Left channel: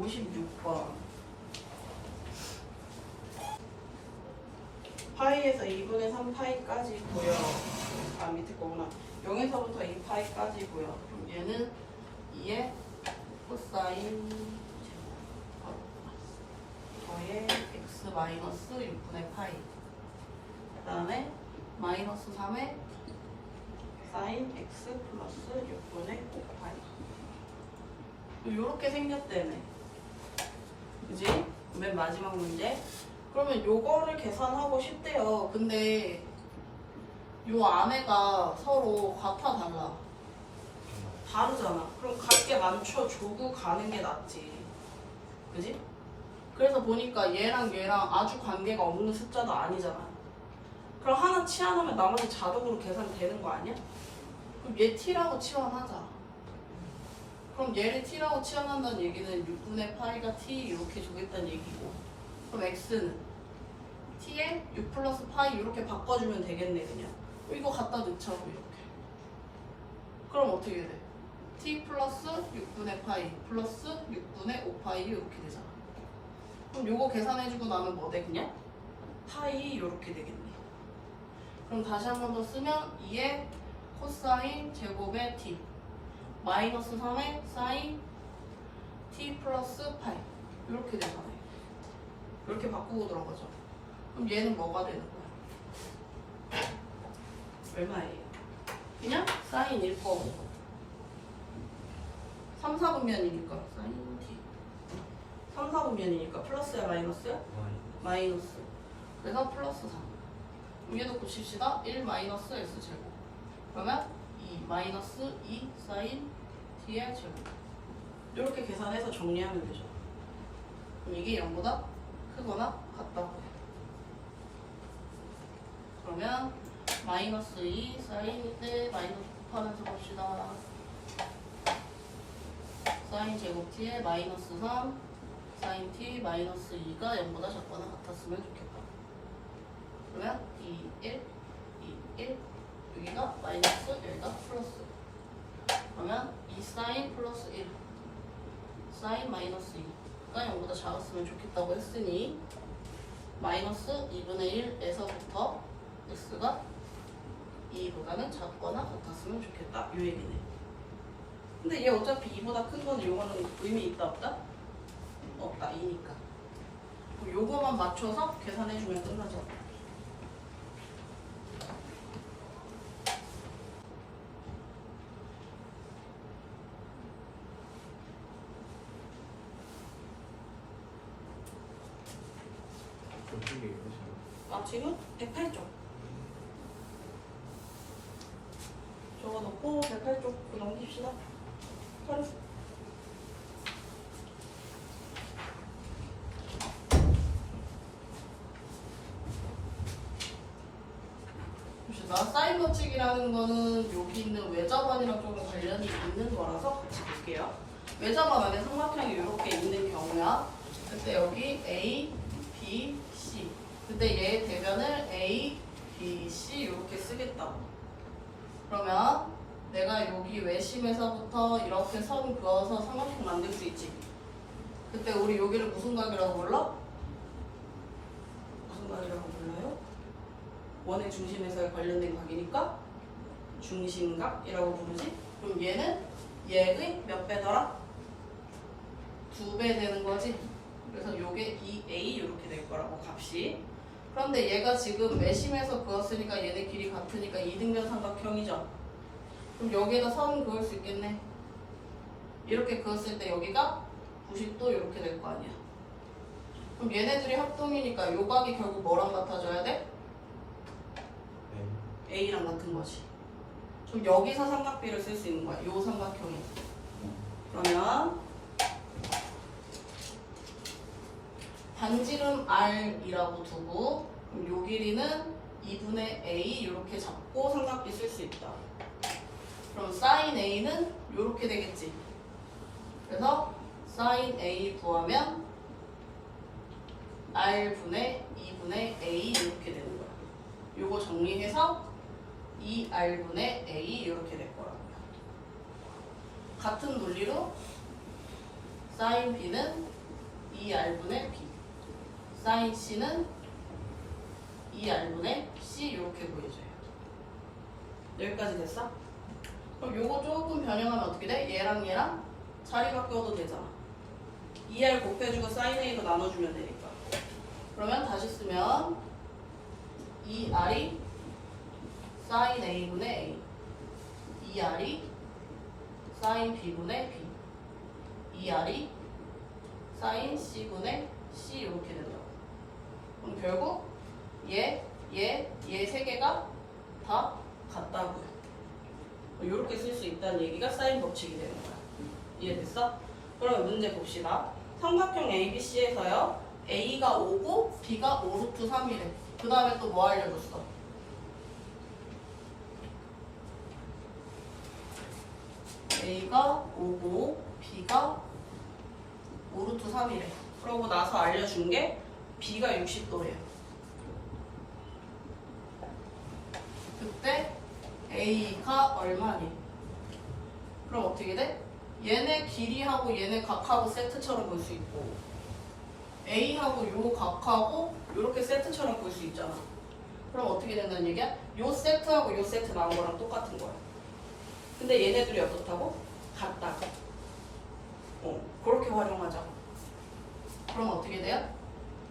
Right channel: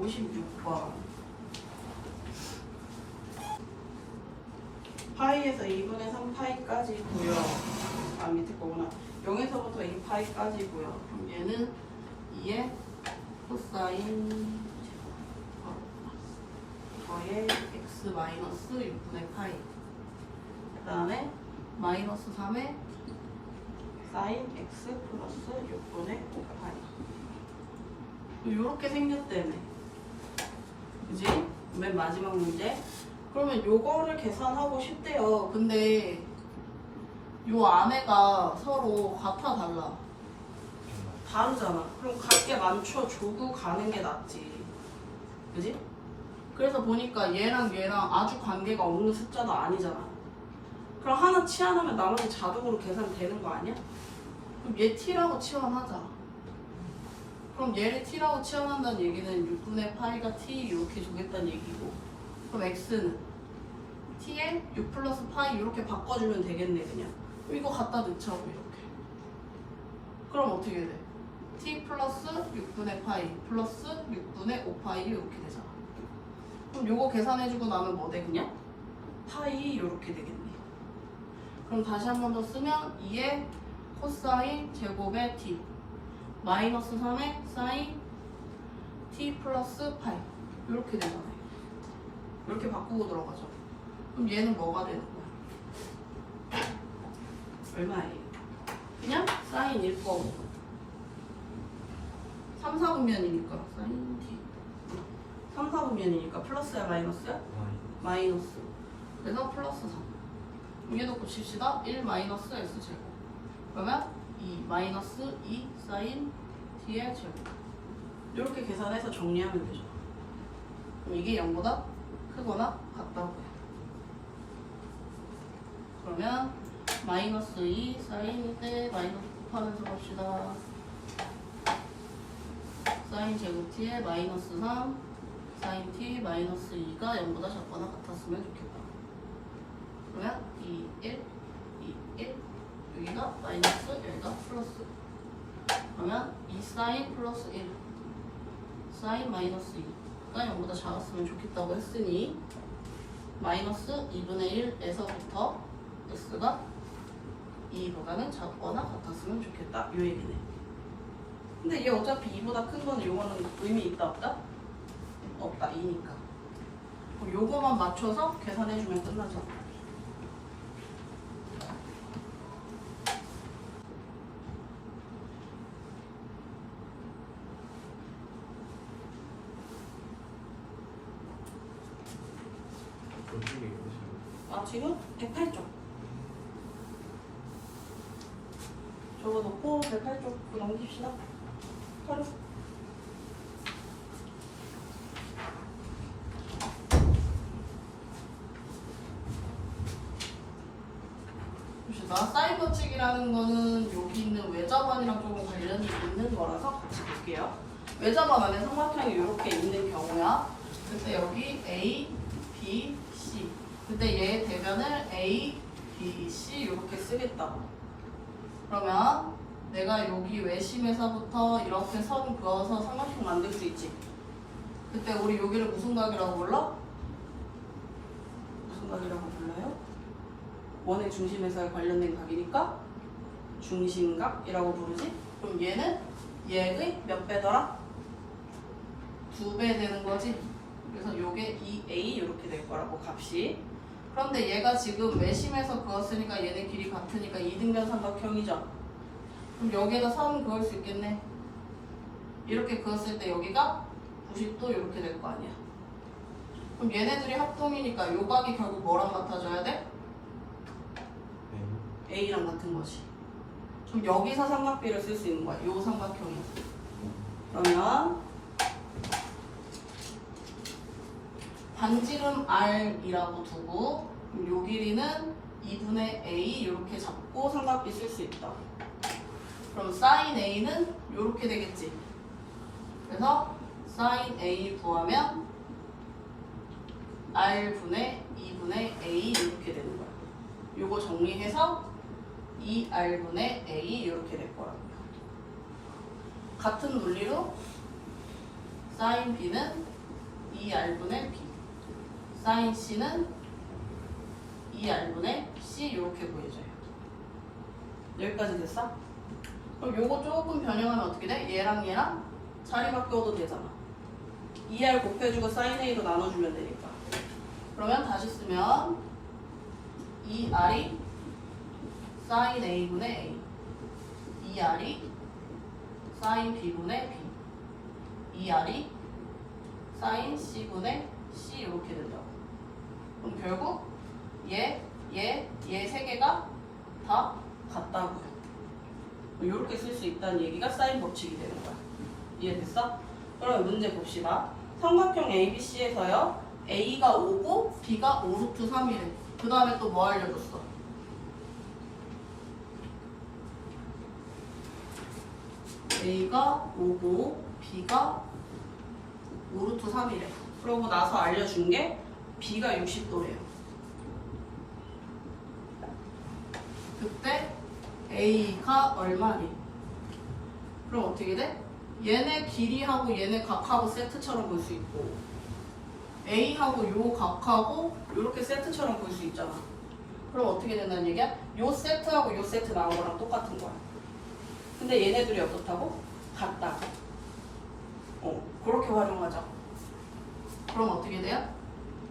56번 파이에서 2분의 3파이까지고요. 아 밑에 거구나. 0에서부터 2파이까지고요. 그럼 얘는 2의 코사인 이거의 x 마이너스 6분의 파이. 그 다음에 마이너스 3의 사인 x 플러스 6분의 5파이. 이렇게 생겼다며. 그지? 맨 마지막 문제. 그러면 요거를 계산하고 싶대요. 근데 요 안에가 서로 같아 달라? 다르잖아. 그럼 같게 맞춰주고 가는 게 낫지. 그지? 그래서 보니까 얘랑 얘랑 아주 관계가 없는 숫자도 아니잖아. 그럼 하나 치환하면 나머지 자동으로 계산이 되는 거 아니야? 그럼 얘 t라고 치환하자. 그럼 얘를 t라고 치환한다는 얘기는 6분의 파이가 t 이렇게 주겠다는 얘기고, 그럼 x는 t에 6 플러스 파이 이렇게 바꿔주면 되겠네. 그냥 이거 갖다 넣자 이렇게. 그럼 어떻게 돼? t 플러스 6분의 파이 플러스 6분의 5파이 이렇게 되잖아. 그럼 요거 계산해주고 나면 뭐 돼? 그냥 파이 이렇게 되겠네. 그럼 다시 한 번 더 쓰면 2의 코사인 제곱의 t 마이너스 3의 사인 t 플러스 파이 이렇게 되잖아요. 이렇게 바꾸고 들어가죠. 그럼 얘는 뭐가 되는 거야? 얼마예요? 그냥 사인 1거 3, 4분면이니까 사인 t 3, 4분면이니까 플러스야 마이너스야? 마이너스. 그래서 플러스 3. 위에도 고칩시다. 1 마이너스 s 제곱. 그러면 2 마이너스 2 사인 t의 제곱. 이렇게 계산해서 정리하면 되죠. 그럼 이게 0보다 크거나 같다고요. 그러면 마이너스 2 사인 대 마이너스 곱하면서 봅시다. 사인 제곱 t의 마이너스 3 사인 t 마이너스 2가 0보다 작거나 같았으면 좋겠다. 그러면 2, 1, 2, 1 여기가 마이너스 여기가 플러스. 그러면 2 사인 플러스 1 사인 마이너스 2가 0보다 작았으면 좋겠다고 했으니 마이너스 2분의 1에서부터 x가 2보다는 작거나 같았으면 좋겠다. 요 얘기네. 근데 얘 어차피 2보다 큰 거는 요거는 의미 있다 없다? 없다. 2니까. 요거만 맞춰서 계산해주면 끝나죠. 아 지금 108쪽 저거 놓고 108쪽 넘깁시다. 서류. 봅시다. 사인 법칙이라는 거는 여기 있는 외접안이랑 조금 관련이 있는 거라서 같이 볼게요. 외접안 안에 삼각형이 이렇게 있는 경우야. 그때 여기 A, B, C. 근데 얘의 대변을 A, B, C 이렇게 쓰겠다고. 그러면 내가 여기 외심에서부터 이렇게 선 그어서 삼각형 만들 수 있지. 그때 우리 여기를 무슨 각이라고 불러? 무슨 각이라고 불러요? 원의 중심에서 관련된 각이니까 중심각이라고 부르지. 그럼 얘는 얘의 몇 배더라? 2배 되는 거지. 그래서 요게 2a 이렇게 될 거라고 값이. 그런데 얘가 지금 외심에서 그었으니까 얘네 길이 같으니까 이등변 삼각형이죠. 그럼 여기에다 선 그을 수 있겠네. 이렇게 그었을 때 여기가 90도 이렇게 될 거 아니야. 그럼 얘네들이 합동이니까 요 각이 결국 뭐랑 같아져야 돼? A랑 같은 거지. 그럼 여기서 삼각비를 쓸 수 있는 거야. 요 삼각형이. 그러면 반지름 R이라고 두고 요 길이는 2분의 A 이렇게 잡고 삼각비 쓸 수 있다. 그럼 sin A는 이렇게 되겠지. 그래서 sin A 구하면 R분의 2분의 A 이렇게 되는 거야. 요거 정리해서 2R분의 A 이렇게 될 거랍니다. 같은 논리로 sin B는 2R분의 B. 사인 C는 2R분의 C 이렇게 보여져요. 여기까지 됐어? 그럼 요거 조금 변형하면 어떻게 돼? 얘랑 얘랑 자리 바꿔도 되잖아. 2R 곱해주고 사인 A로 나눠주면 되니까. 그러면 다시 쓰면 2R이 사인 A분의 A, 2R이 사인 B분의 B, 2R이 사인 C분의 C 이렇게 된다고. 그럼 결국 얘 세 개가 다 같다고요. 이렇게 쓸 수 있다는 얘기가 사인 법칙이 되는 거야. 이해됐어? 그러면 문제 봅시다. 삼각형 ABC에서요. A가 5고 B가 5루트 3이래. 그 다음에 또 뭐 알려줬어? A가 5고 B가 5루트 3이래. 그러고 나서 알려준 게 B가 60도래요. 그때 A가 얼마니? 그럼 어떻게 돼? 얘네 길이하고 얘네 각하고 세트처럼 볼 수 있고 A하고 요 각하고 요렇게 세트처럼 볼 수 있잖아. 그럼 어떻게 된다는 얘기야? 요 세트하고 요 세트 나온 거랑 똑같은 거야. 근데 얘네들이 어떻다고? 같다고. 그렇게 활용하자. 그럼 어떻게 돼요?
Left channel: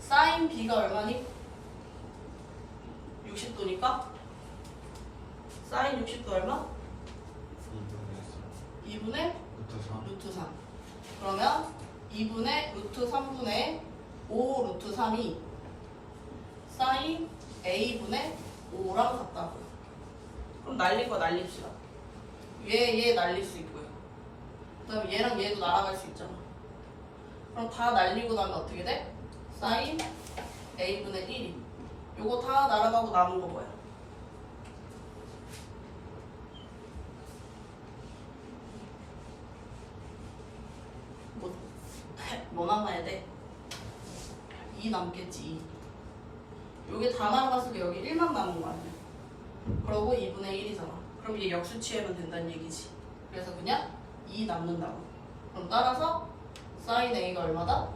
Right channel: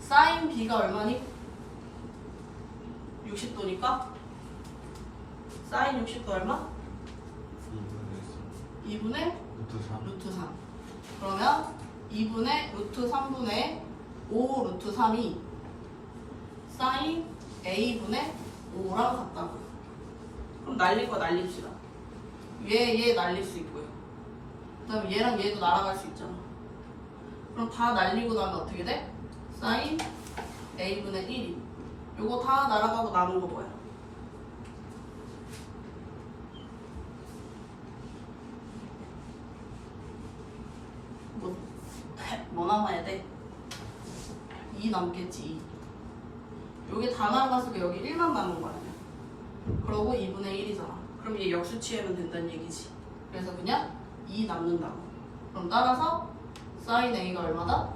사인 B가 얼마니? 60도니까 사인 60도 얼마? 2분의 루트 3. 그러면 2분의 루트 3분의 5 루트 3이 사인 A분의 5랑 같다고. 그럼 날릴 거 날립시다. 얘 날릴 수 있고요. 그 다음에 얘랑 얘도 날아갈 수 있잖아. 그럼 다 날리고 나면 어떻게 돼? 사인 A분의 1이. 요거 다 날아가고 남은 거 뭐야? 뭐 남아야 돼? 2 남겠지. 2. 요게 다 날아갔으면 여기 1만 남은 거 아니야. 그러고 2분의 1이잖아. 그럼 얘 역수 취하면 된다는 얘기지. 그래서 그냥 2 남는다고. 그럼 따라서 사인 A가 얼마다?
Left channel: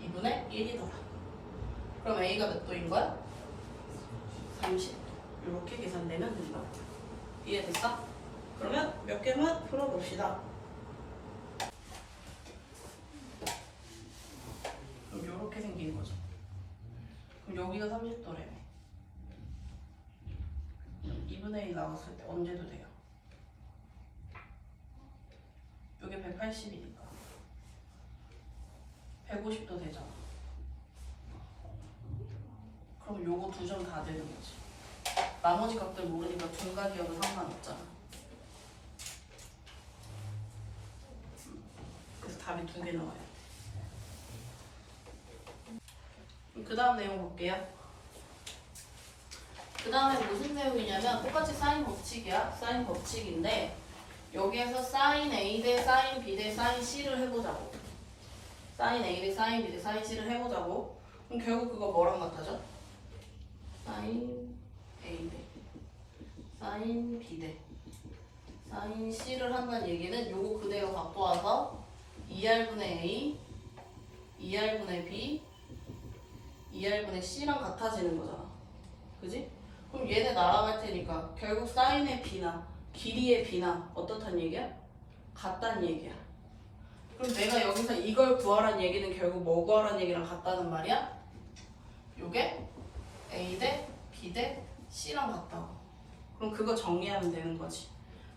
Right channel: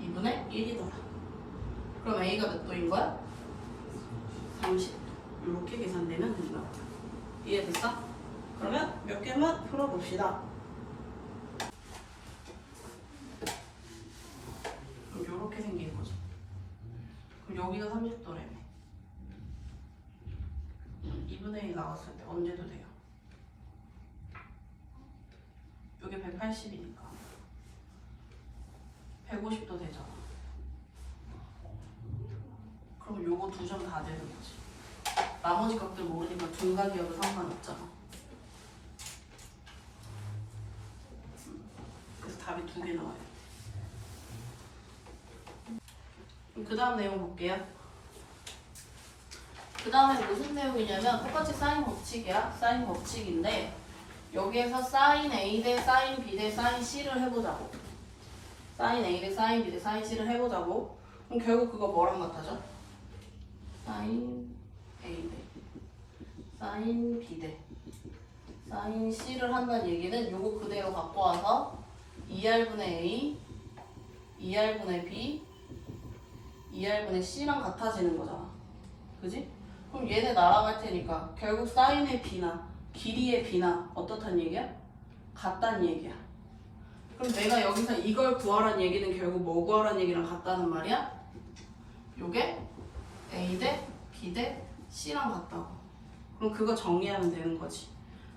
2분의 1이더라. 그럼 A가 몇 도인 거야? 30도. 이렇게 계산되면 된다. 이해됐어? 그러면 몇 개만 풀어봅시다. 그럼 이렇게 생긴 거죠. 그럼 여기가 30도래요. 2분의 1 나왔을 때 언제도 돼요. 여기 180이니까 150도 되잖아. 그럼 요거 두 점 다 되는 거지. 나머지 값들 모르니까 둔각이어도 상관없잖아. 그래서 답이 2개 나와요. 그 다음 내용 볼게요. 그 다음에 무슨 내용이냐면 똑같이 사인 법칙이야. 사인 법칙인데 여기에서 사인 A 대 사인 B 대 사인 C를 해보자고. 사인 A 대 사인 B 대 사인 C를 해보자고. 그럼 결국 그거 뭐랑 같아져? 사인 A 대 사인 B 대 사인 C를 한다는 얘기는 요거 그대로 갖고 와서 2R분의 A, 2R분의 B, 2R분의 C랑 같아지는 거잖아. 그지? 그럼 얘네 날아갈 테니까 결국 사인의 B나 길이의 B나 어떻다는 얘기야? 같다는 얘기야. 그럼 내가 여기서 이걸 구하라는 얘기는 결국 뭐 구하라는 얘기랑 같다는 말이야? 요게 A 대 B 대 C랑 같다고. 그럼 그거 정리하면 되는 거지.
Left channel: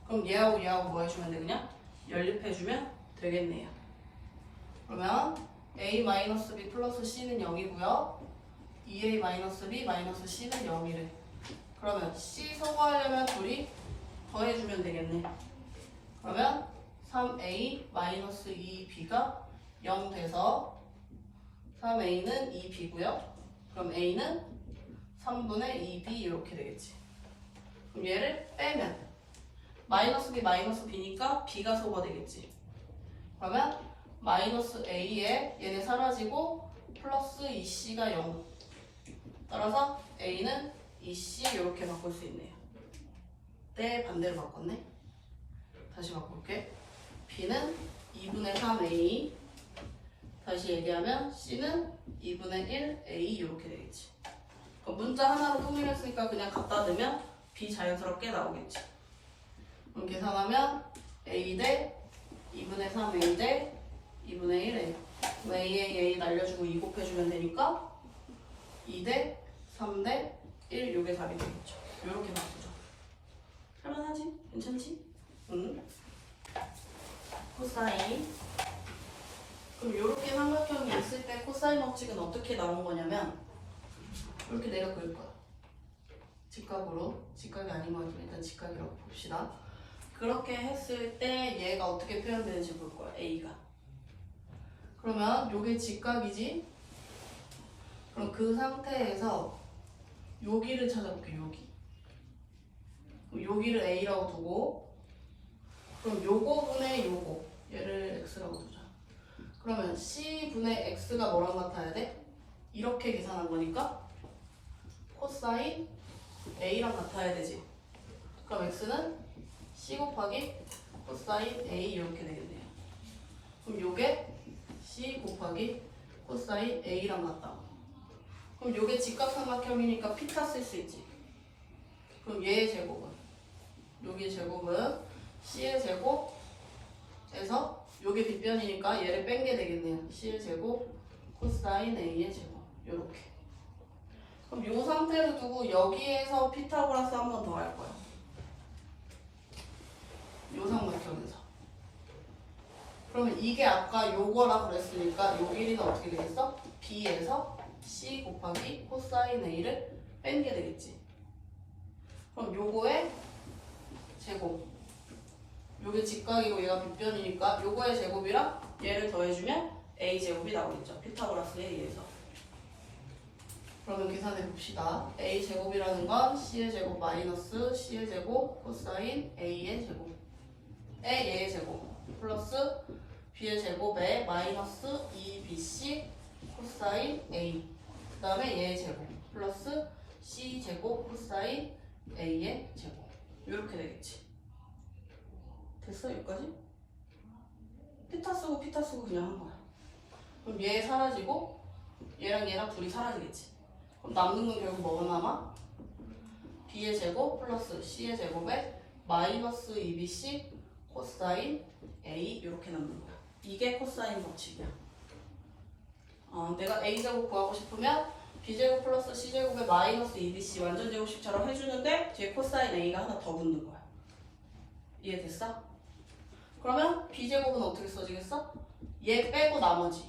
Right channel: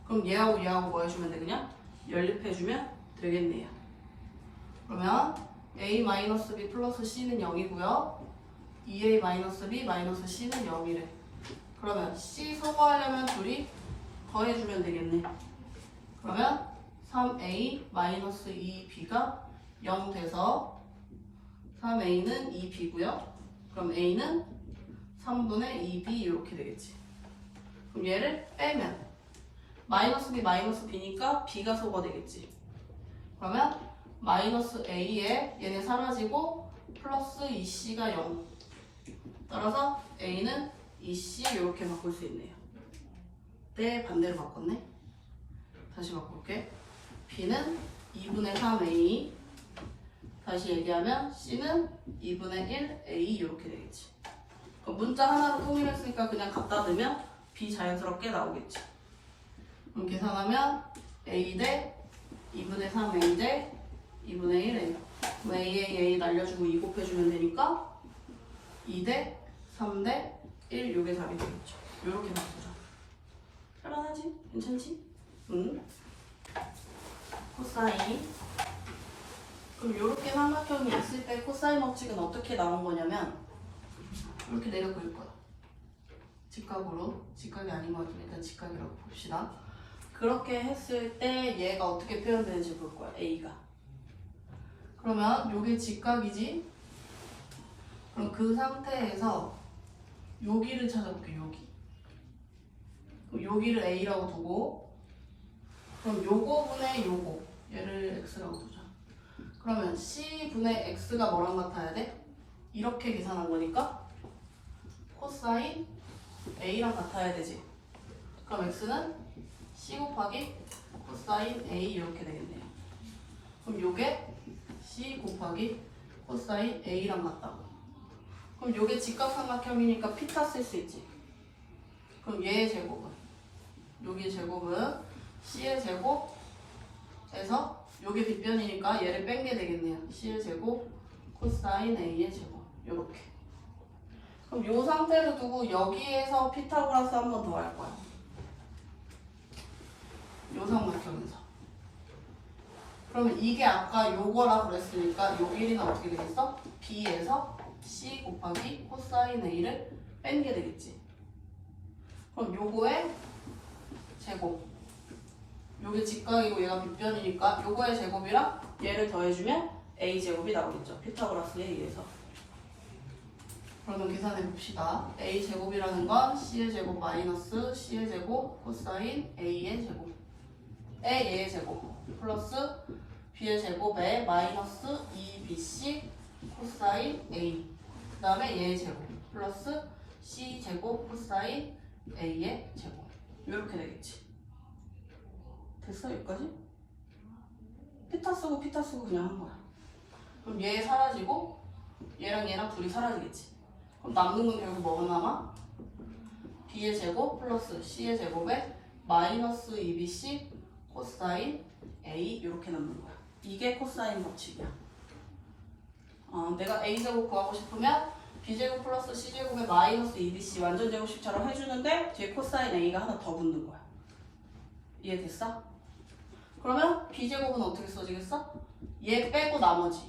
그럼 얘하고 얘하고 뭐 해주면 돼? 그냥 연립해주면 되겠네요. 그러면 A-B 플러스 C는 0이고요 2A-B C는 0이래. 그러면 C 소거하려면 둘이 더해주면 되겠네. 그러면 3A-2B가 0 돼서 3A는 2B고요. 그럼 A는 3분의 2B 이렇게 되겠지. 그럼 얘를 빼면 마이너스 B니까 B가 소거되겠지. 그러면 마이너스 A에 얘네 사라지고 플러스 2C가 0. 따라서 A는 2C 이렇게 바꿀 수 있네요. 네, 반대로 바꿨네. 다시 바꿀게. B는 2분의 3A 다시 얘기하면 C는 2분의 1 A 이렇게 되겠지. 그럼 문자 하나로 통일했으니까 그냥 갖다 넣으면 B 자연스럽게 나오겠지. 그럼 계산하면 A 대 2분의 3 A 대 2분의 1 A. A 날려주고 2 곱해주면 되니까 2 대 3 대 1 요게 답이 되겠죠. 요렇게 바꾸자. 할만하지? 괜찮지? 응? 코사인. 그럼 요렇게 삼각형이 있을 때 코사인 법칙은 어떻게 나온 거냐면 이렇게 내려 그릴 거야. 직각으로. 직각이 아닌 것 같으니까 직각이라고 봅시다. 그렇게 했을 때 얘가 어떻게 표현되는지 볼 거야. A가. 그러면 요게 직각이지? 그럼 그 상태에서 여기를 찾아볼게. 여기. 그럼 여기를 A라고 두고 그럼 요거분의 요거 얘를 X라고 두자. 그러면 C분의 X가 뭐랑 같아야 돼? 이렇게 계산한 거니까 코사인 A랑 같아야 되지. 그럼 X는 C 곱하기 코사인 A 이렇게 되겠네요. 그럼 요게 C 곱하기 코사인 A랑 같다고. 그럼 요게 직각삼각형이니까 피타 쓸 수 있지. 그럼 얘의 제곱은 여기의 제곱은 C의 제곱에서 요게 빗변이니까 얘를 뺀 게 되겠네요. C의 제곱 코사인 A의 제곱 요렇게. 그럼 요 상태를 두고 여기에서 피타고라스 한 번 더 할 거야. 요 삼각형에서. 그러면 이게 아까 요거라 그랬으니까 요 길이는 어떻게 되겠어? B에서 C 곱하기 코사인 A를 뺀 게 되겠지. 그럼 요거의 제곱. 요게 직각이고 얘가 빗변이니까 요거의 제곱이랑 얘를 더해주면 A제곱이 나오겠죠. 피타고라스에 의해서. 그러면 계산해 봅시다. A제곱이라는 건 C의 제곱 마이너스 C의 제곱 코사인 A의 제곱에 얘의 제곱 플러스 B의 제곱에 마이너스 2BC 코사인 A 그 다음에 얘의 제곱 플러스 C제곱 코사인 A의 제곱 이렇게 되겠지. 됐어? 여기까지? 피타 쓰고 피타 쓰고 그냥 한 거야. 그럼 얘 사라지고 얘랑 얘랑 둘이 사라지겠지. 그럼 남는 건 결국 뭐가 남아? B의 제곱 플러스 C의 제곱에 마이너스 2BC 코사인 A 이렇게 남는 거야. 이게 코사인 법칙이야. 내가 A제곱 구하고 싶으면 B제곱 플러스 C제곱에 마이너스 2BC 완전 제곱식처럼 해주는데 뒤에 코사인 A가 하나 더 붙는 거야. 이해됐어? 그러면 B제곱은 어떻게 써지겠어? 얘 빼고 나머지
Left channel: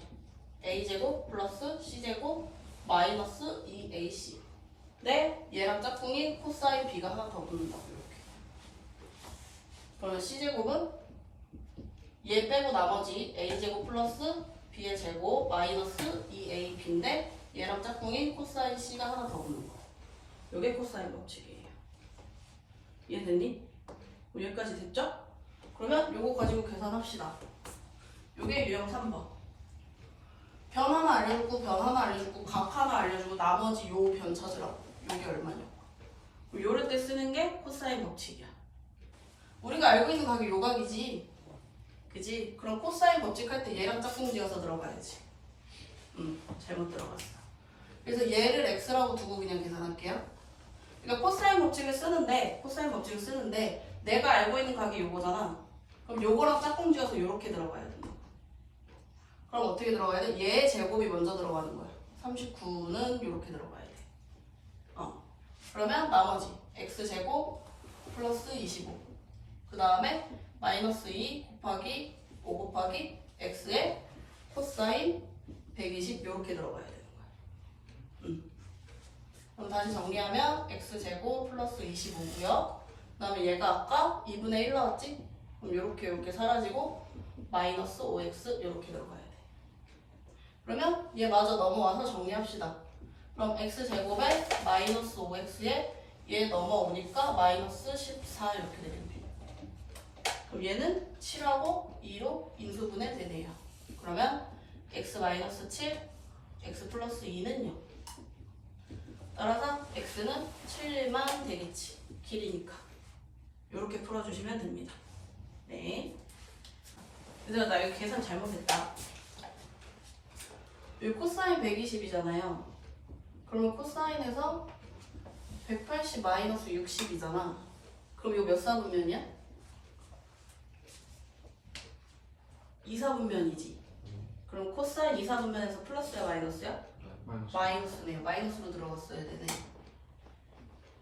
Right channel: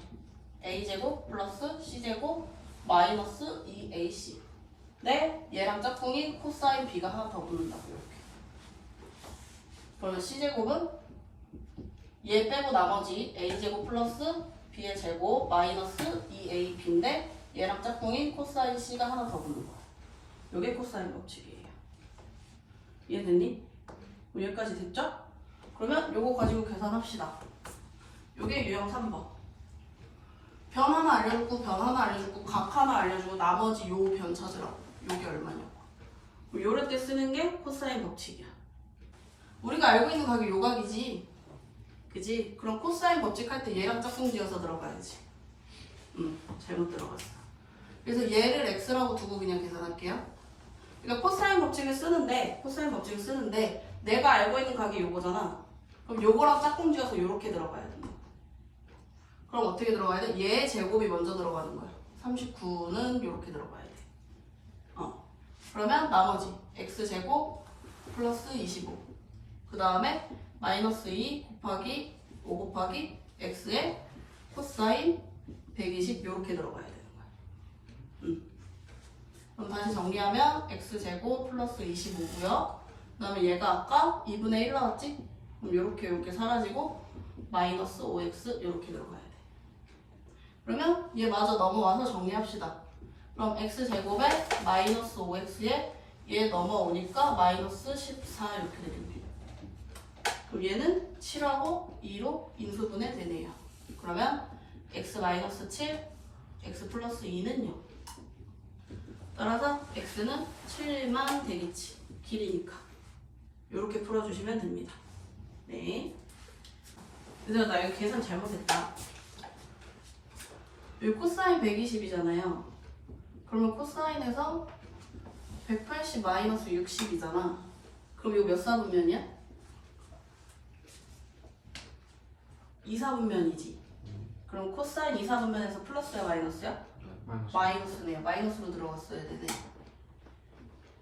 A제곱 플러스 C제곱 마이너스 2AC 네? 얘랑 짝꿍이 코사인 B가 하나 더 붙는다고 이렇게. 그러면 C제곱은 얘 빼고 나머지 A제곱 플러스 B의 제곱 마이너스 2AB인데 얘랑 짝꿍인 코사인 C가 하나 더 붙는 거야. 요게 코사인 법칙이에요. 이해됐니? 여기까지 됐죠? 그러면 요거 가지고 계산합시다. 요게 유형 3번. 변 하나 알려주고 변 하나 알려주고 각 하나 알려주고 나머지 요 변 찾으라고. 요게 얼마냐고. 요럴 때 쓰는 게 코사인 법칙이야. 우리가 알고 있는 각이 요 각이지. 그지? 그럼 코사인 법칙 할 때 얘랑 짝꿍 지어서 들어가야지. 잘못 들어갔어. 그래서 얘를 x라고 두고 그냥 계산할게요. 그러니까 코사인 법칙을 쓰는데 내가 알고 있는 각이 요거잖아. 그럼 요거랑 짝꿍 지어서 요렇게 들어가야 돼. 그럼 어떻게 들어가야 돼? 얘 제곱이 먼저 들어가는 거야. 39는 요렇게 들어가야 돼. 그러면 나머지 x제곱 플러스 25 그 다음에 마이너스 2 곱하기 5 곱하기 x의 코사인 120 요렇게 들어가야 되는 거야. 그럼 다시 정리하면 x제곱 플러스 25고요. 그 다음에 얘가 아까 2분의 1 나왔지? 그럼 요렇게 사라지고 마이너스 5x 요렇게 들어가야 돼. 그러면 얘 마저 넘어와서 정리합시다. 그럼 x제곱에 마이너스 5x에 얘 넘어오니까 마이너스 14 이렇게 되겠네요. 그럼 얘는 7하고 2로 인수분해 되네요. 그러면 x 마이너스 7, x 플러스 2는 0. 따라서 x는 7만 되겠지. 길이니까. 이렇게 풀어주시면 됩니다. 네. 얘들아 나 이거 계산 잘못했다. 여기 코사인 120이잖아요. 그러면 코사인에서 180 마이너스 60이잖아. 그럼 이거 몇 사분면이야? 2사분면이지. 그럼 코사인 2사분면에서 플러스야 마이너스야? 마이너스네요. 마이너스로 들어갔어야 되네.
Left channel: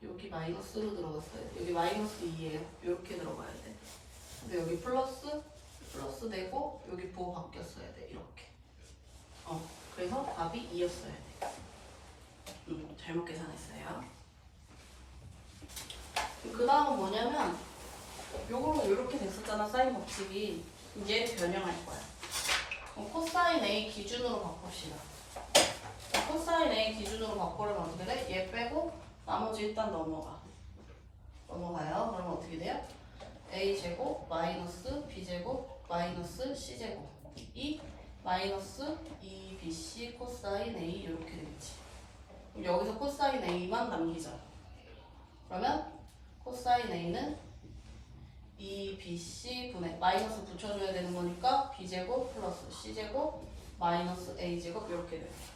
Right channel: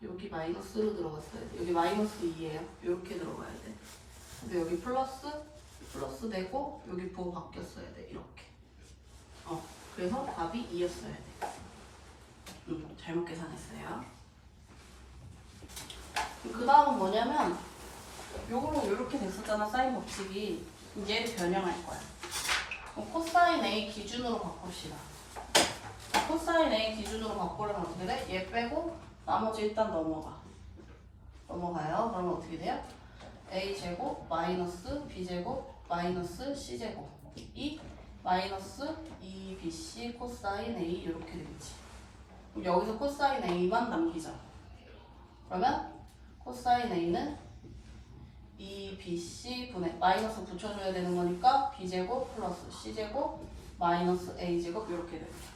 여기 마이너스로 들어갔어야 돼. 여기 마이너스 2예요. 이렇게 들어가야 돼. 근데 여기 플러스 되고 여기 부호 바뀌었어야 돼. 이렇게. 그래서 답이 2였어야 돼. 잘못 계산했어요. 그 다음은 뭐냐면 요거는 이렇게 됐었잖아. 사인 법칙이. 얘를 변형할 거야. 그럼 코사인 A 기준으로 바꿉시다. 코사인 A 기준으로 바꾸려면 어떻게 돼? 얘 빼고 나머지 일단 넘어가요. 그러면 어떻게 돼요? A제곱 마이너스 B제곱 마이너스 C제곱 이 마이너스 2BC 코사인 A 이렇게 되겠지. 그럼 여기서 코사인 A만 남기자. 그러면 코사인 A는 2BC 분의 마이너스 붙여줘야 되는 거니까 B제곱 플러스 C제곱 마이너스 A제곱 이렇게 됩니다.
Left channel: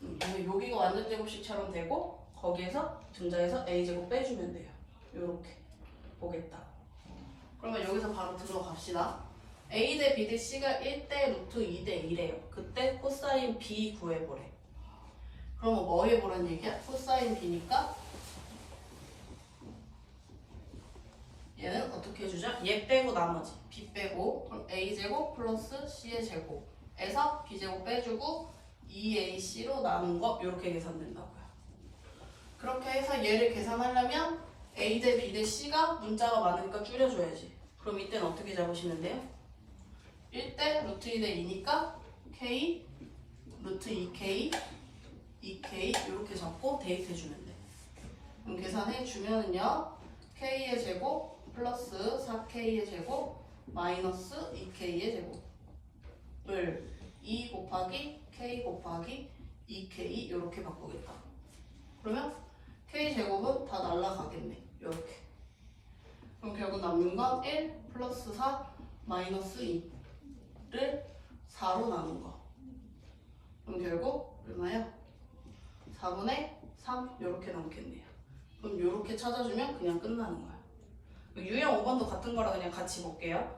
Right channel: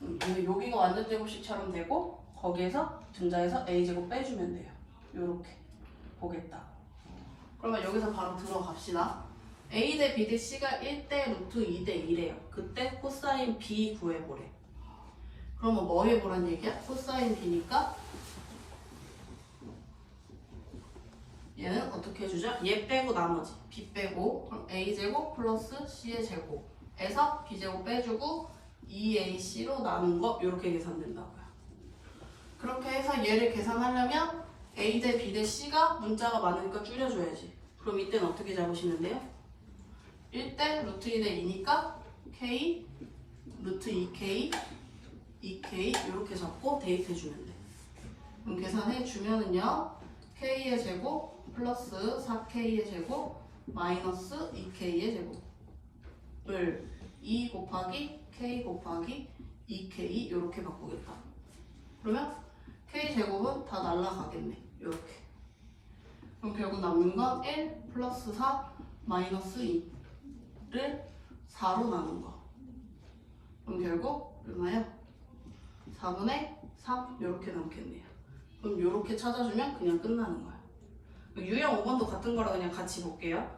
근데 여기가 완전 제곱식처럼 되고 거기에서 등장해서 A제곱 빼주면 돼요. 요렇게 보겠다. 그러면 여기서 바로 들어갑시다. A 대 B 대 C가 1대 루트 2대 2래요. 그때 코사인 B 구해보래. 그러면 뭐 해보란 얘기야? 코사인 B니까 얘는 어떻게 해주자? 얘 빼고 나머지 B 빼고 그럼 A제곱 플러스 C의 제곱에서 B제곱 빼주고 2AC로 나눈 거 이렇게 계산된다고요. 그렇게 해서 얘를 계산하려면 A 대 B 대 C가 문자가 많으니까 줄여줘야지. 그럼 이때는 어떻게 잡으시면 돼요? 1대 루트 2대 2니까 K 루트 2K 2K 이렇게 잡고 대입해주면 돼. 그럼 계산해주면은요 K의 제곱 플러스 4K의 제곱 마이너스 2K의 제곱을 2 곱하기 K 곱하기 2K 이렇게 바꾸겠다. 그러면 K제곱은 다 날라가겠네. 이렇게. 그럼 결국 남는 건 1 플러스 4 마이너스 2를 4로 나눈 거. 그럼 결국 얼마요? 4분의 3 이렇게 남겠네요. 그럼 이렇게 찾아주면 그냥 끝나는 거야. 유형 5번도 같은 거라 그냥 같이 볼게요.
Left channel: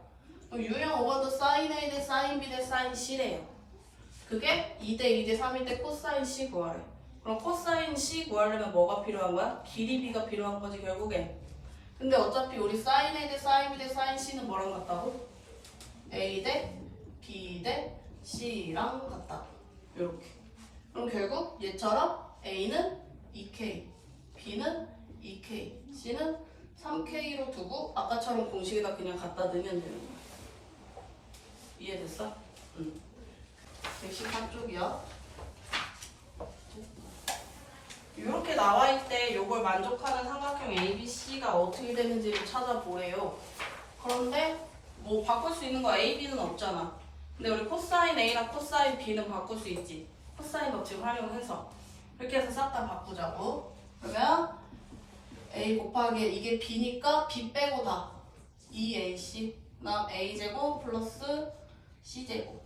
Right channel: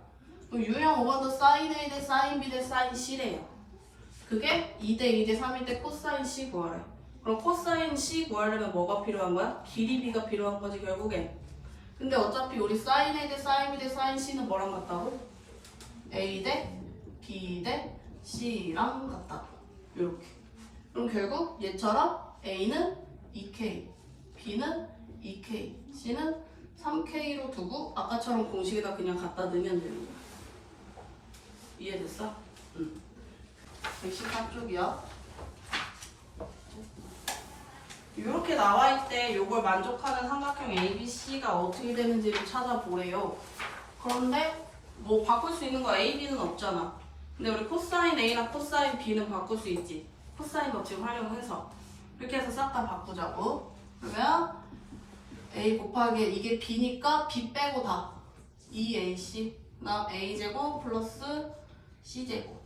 그럼 유형 5번도 사인 A 대 사인 B 대 사인 C래요. 그게 2대 2대 3일 때 코사인 C 구하래. 그럼 코사인 C 구하려면 뭐가 필요한 거야? 길이 B가 필요한 거지 결국에. 근데 어차피 우리 사인 A 대 사인 B 대 사인 C는 뭐랑 같다고? A 대 B 대 C랑 같다고. 이렇게. 그럼 결국 얘처럼 A는 2K, B는 2K, C는 3K로 두고 아까처럼 공식에다 그냥 갖다 넣으면 되는 거야. 이해됐어? 응. 114쪽이야. 이렇게 나와있을 때 이걸 만족하는 삼각형 ABC가 어떻게 되는지를 찾아보래요. 그런데 뭐 바꿀 수 있는 거 A, B는 없잖아. 근데 우리 코사인 A랑 코사인 B는 바꿀 수 있지. 코사인 법칙 활용해서. 이렇게 해서 싹 다 바꾸자고. 그러면 A 곱하기 이게 B니까 B 빼고 다 2AC 그다음 A제곱 플러스 C제곱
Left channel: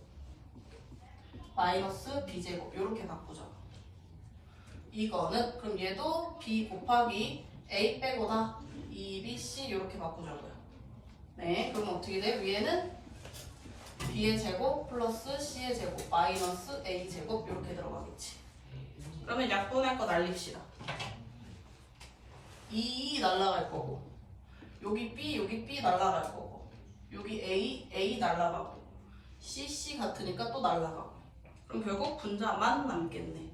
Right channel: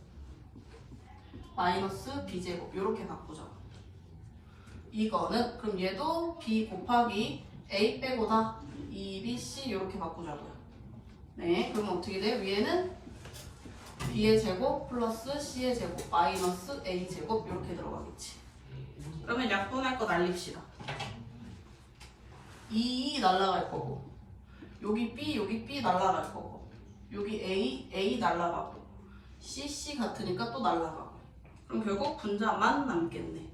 마이너스 B제곱 이렇게 바꾸자. 이거는 그럼 얘도 B 곱하기 A 빼고 다 2BC 이렇게 바꾸자고요. 네, 그럼 어떻게 돼? 위에는 B의 제곱 플러스 C의 제곱 마이너스 A제곱 이렇게 들어가겠지. 그러면 약분할 거 날립시다. 2 날라갈 거고 여기 B 날라갈 거고 여기 A 날라가고 C 같으니까 또 날라가고 그럼 결국 분자만 남겠네.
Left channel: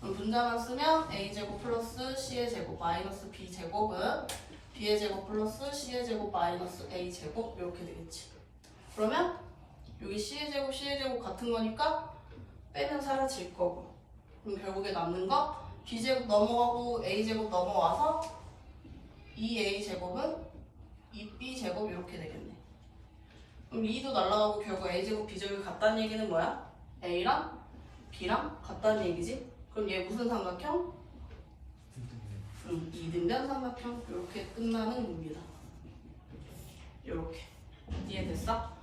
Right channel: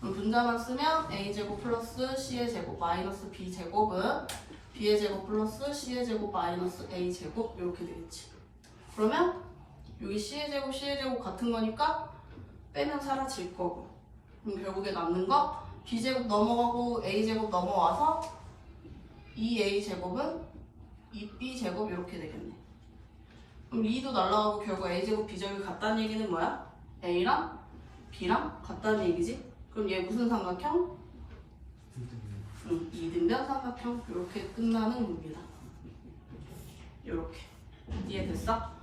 그럼 분자만 쓰면 A제곱 플러스 C의 제곱 마이너스 B제곱은 B의 제곱 플러스 C의 제곱 마이너스 A제곱 이렇게 되겠지. 그러면 여기 C의 제곱 같은 거니까 빼면 사라질 거고 그럼 결국에 남는 거 B제곱 넘어가고 A제곱 넘어와서 2A제곱은 2B제곱 이렇게 되겠네. 그럼 2도 날라가고 결국 A제곱 B제곱이 같다는 얘기는 뭐야? A랑 B랑 같다는 얘기지? 그럼 얘 무슨 삼각형? 2등변 삼각형 이렇게 끝나는 겁니다. 이렇게 이해됐어?